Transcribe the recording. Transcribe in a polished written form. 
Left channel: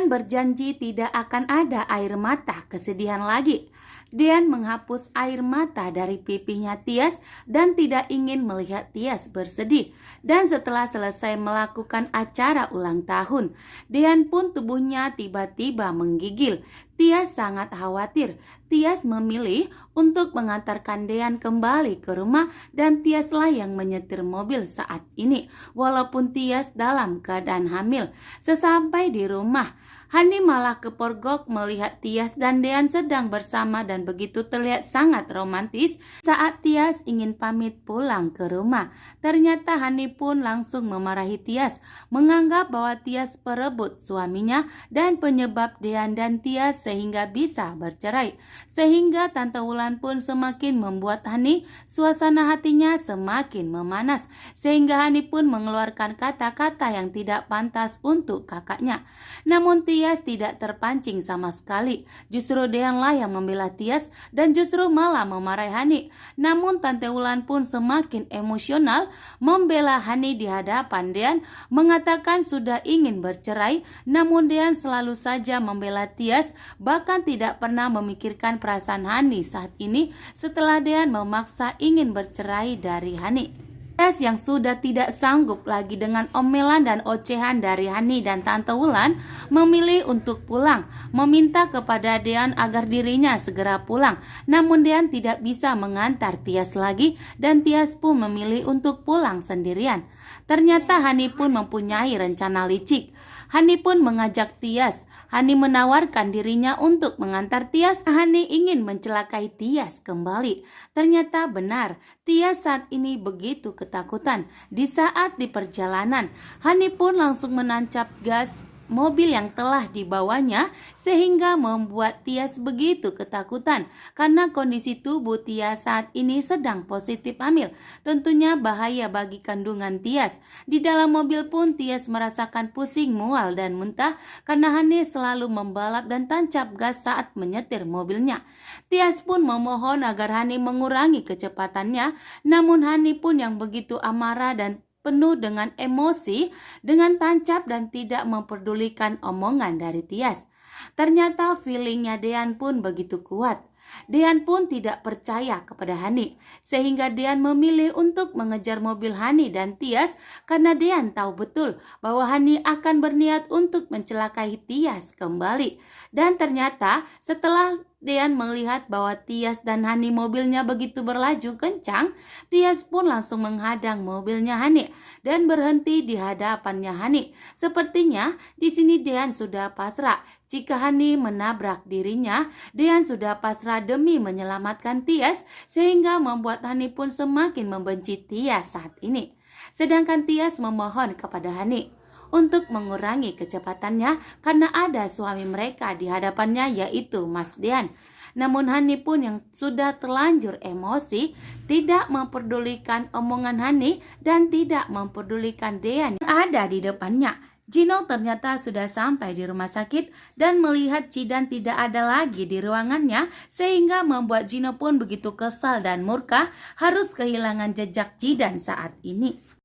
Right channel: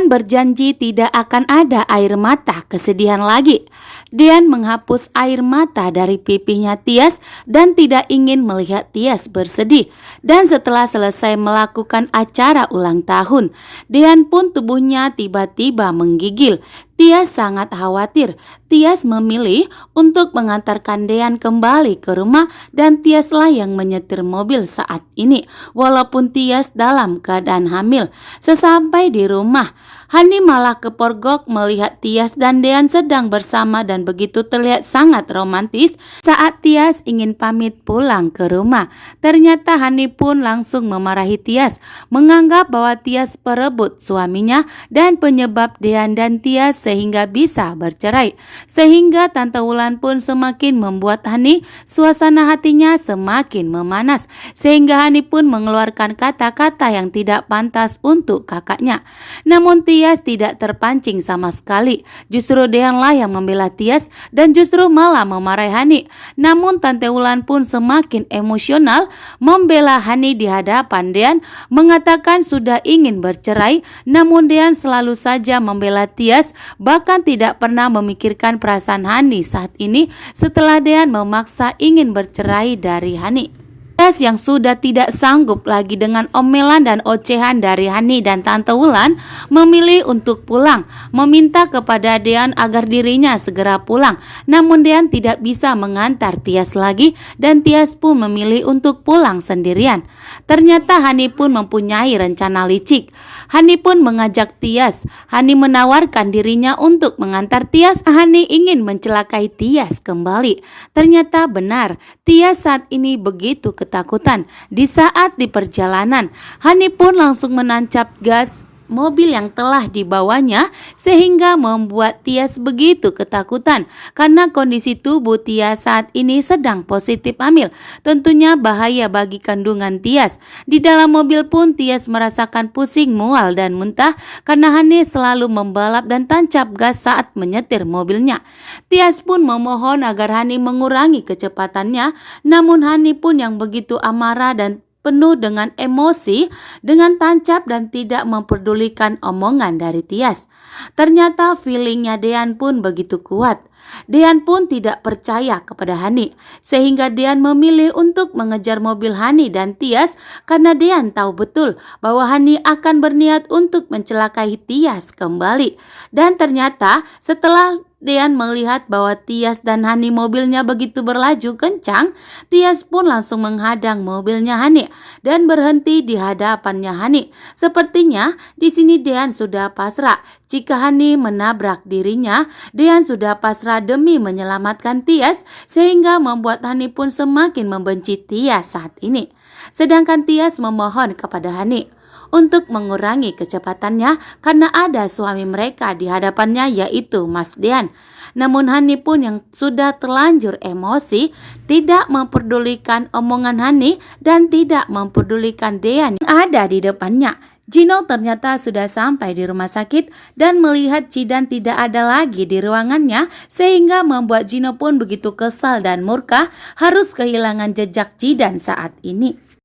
Dean berjanji tidak akan ada air mata kesedihan lagi. Dean menghapus air mata dari pipinya Tias dan tidak ingin melihat Tias bersedih. Dan setelah selesai melakukan acara ulang tahun, Dean pun tubuhnya tiba-tiba menggigil. Tias sangat khawatir. Tias memilih untuk mengantarkan Dean kembali ke rumah dan Tiaslah yang menyetir mobil saat ini. Walaupun Tias dalam keadaan hamil. Sesampai di rumah, Hani malah kepergok melihat Tias dan Dean sedang bersama dan begitu terlihat sangat romantis saat Tias ingin pamit pulang ke rumah. Ternyata Hani pun langsung memarahi Tias, menganggap bahwa Tias perebut suaminya dan penyebab Dean dan Tias sehingga bisa bercerai. Sehingga Tante Wulan pun semakin membuat Hani suasana hatinya semakin memanas, sehingga Hani pun mengeluarkan kata-kata yang tidak pantas untuk kakaknya. Namun Tias tidak terpancing sama sekali. Justru Deanlah yang membela Tias dan justru malah memarahi Hani. Namun Tante Wulan pun semakin emosional membela Hani di hadapan Dean, mengatakan sudah ingin bercerai, namun Dean selalu saja membela Tias, bahkan tidak pernah memikirkan perasaan Hani saat ini setelah Dean memaksa ingin bercerai dari Hani. Tias yang sudah tidak sanggup lagi dengan omelan dan ocehan dari Hani dan Tante Wulan memilih untuk pulang, meminta kepada Dean agar dirinya segera pulang. Namun Dean tidak bisa mengantar Tias lagi dan Tias pun memilih untuk pulang sendirian. Ternyata Hani pun mempunyai rencana licik. Hani pun mengajak Tias. Hani menawarkan dirinya untuk mengantar Tias. Hani ingin mencelakai Tias kembali. Ternyata benar, Tias saat ini begitu ketakutan. Di saat di perjalanan, Hani pun langsung menancap gas mobil yang telah dibawanya sehingga membuat Tias begitu ketakutan karena kondisi tubuh Tias saat ini sedang positif hamil. Tentunya bahaya bagi kandungan Tias. Di dalam mobil pun Tias merasakan pusing, mual dan muntah karena Hani selalu membalap dan tancap gas saat menyetir mobilnya. Tias pun memohon agar Hani mengurangi kecepatannya, namun Hani pun yang begitu amarah dan penuh dengan emosi, dengan tancap dan tidak memperdulikan omongan dari Tias. Ternyata feelingnya Dean pun begitu kuat. Dean pun tidak percaya kepada Hani, sehingga Dean memilih untuk mengejar mobil Hani dan Tias karena Dean tahu betul bahwa Hani akan berniat untuk mencelakai Tias kembali. Dan ternyata setelah Dean melihat bahwa Tias dan Hani mobilnya begitu berlaju kencang, Tias pun langsung menghadang mobilnya Hani dan berhenti di hadapannya Hani. Sepertinya di sini Dean sudah pasrah. Jika Hani menabrak dirinya, Dean sudah pasrah demi menyelamatkan Tias, sehingga membuat Hani pun semakin membenci Tias saat ini. Sedangkan Tias memohon kepada Hani untuk mengurangi kecepatannya karena ada suami mereka di hadapannya, yaitu Mas Dean. Namun Hani pun yang sudah terlanjur emosi tidak memperdulikan omongan Hani dan tidak memperdulikan Dean yang ada di depannya. Gino ternyata sudah sampai di rumah sakit dan melihat Cidan tidak ada lagi di ruangannya, sehingga membuat Gino pun begitu kesal dan murka harus kehilangan jejak Cidan saat ini.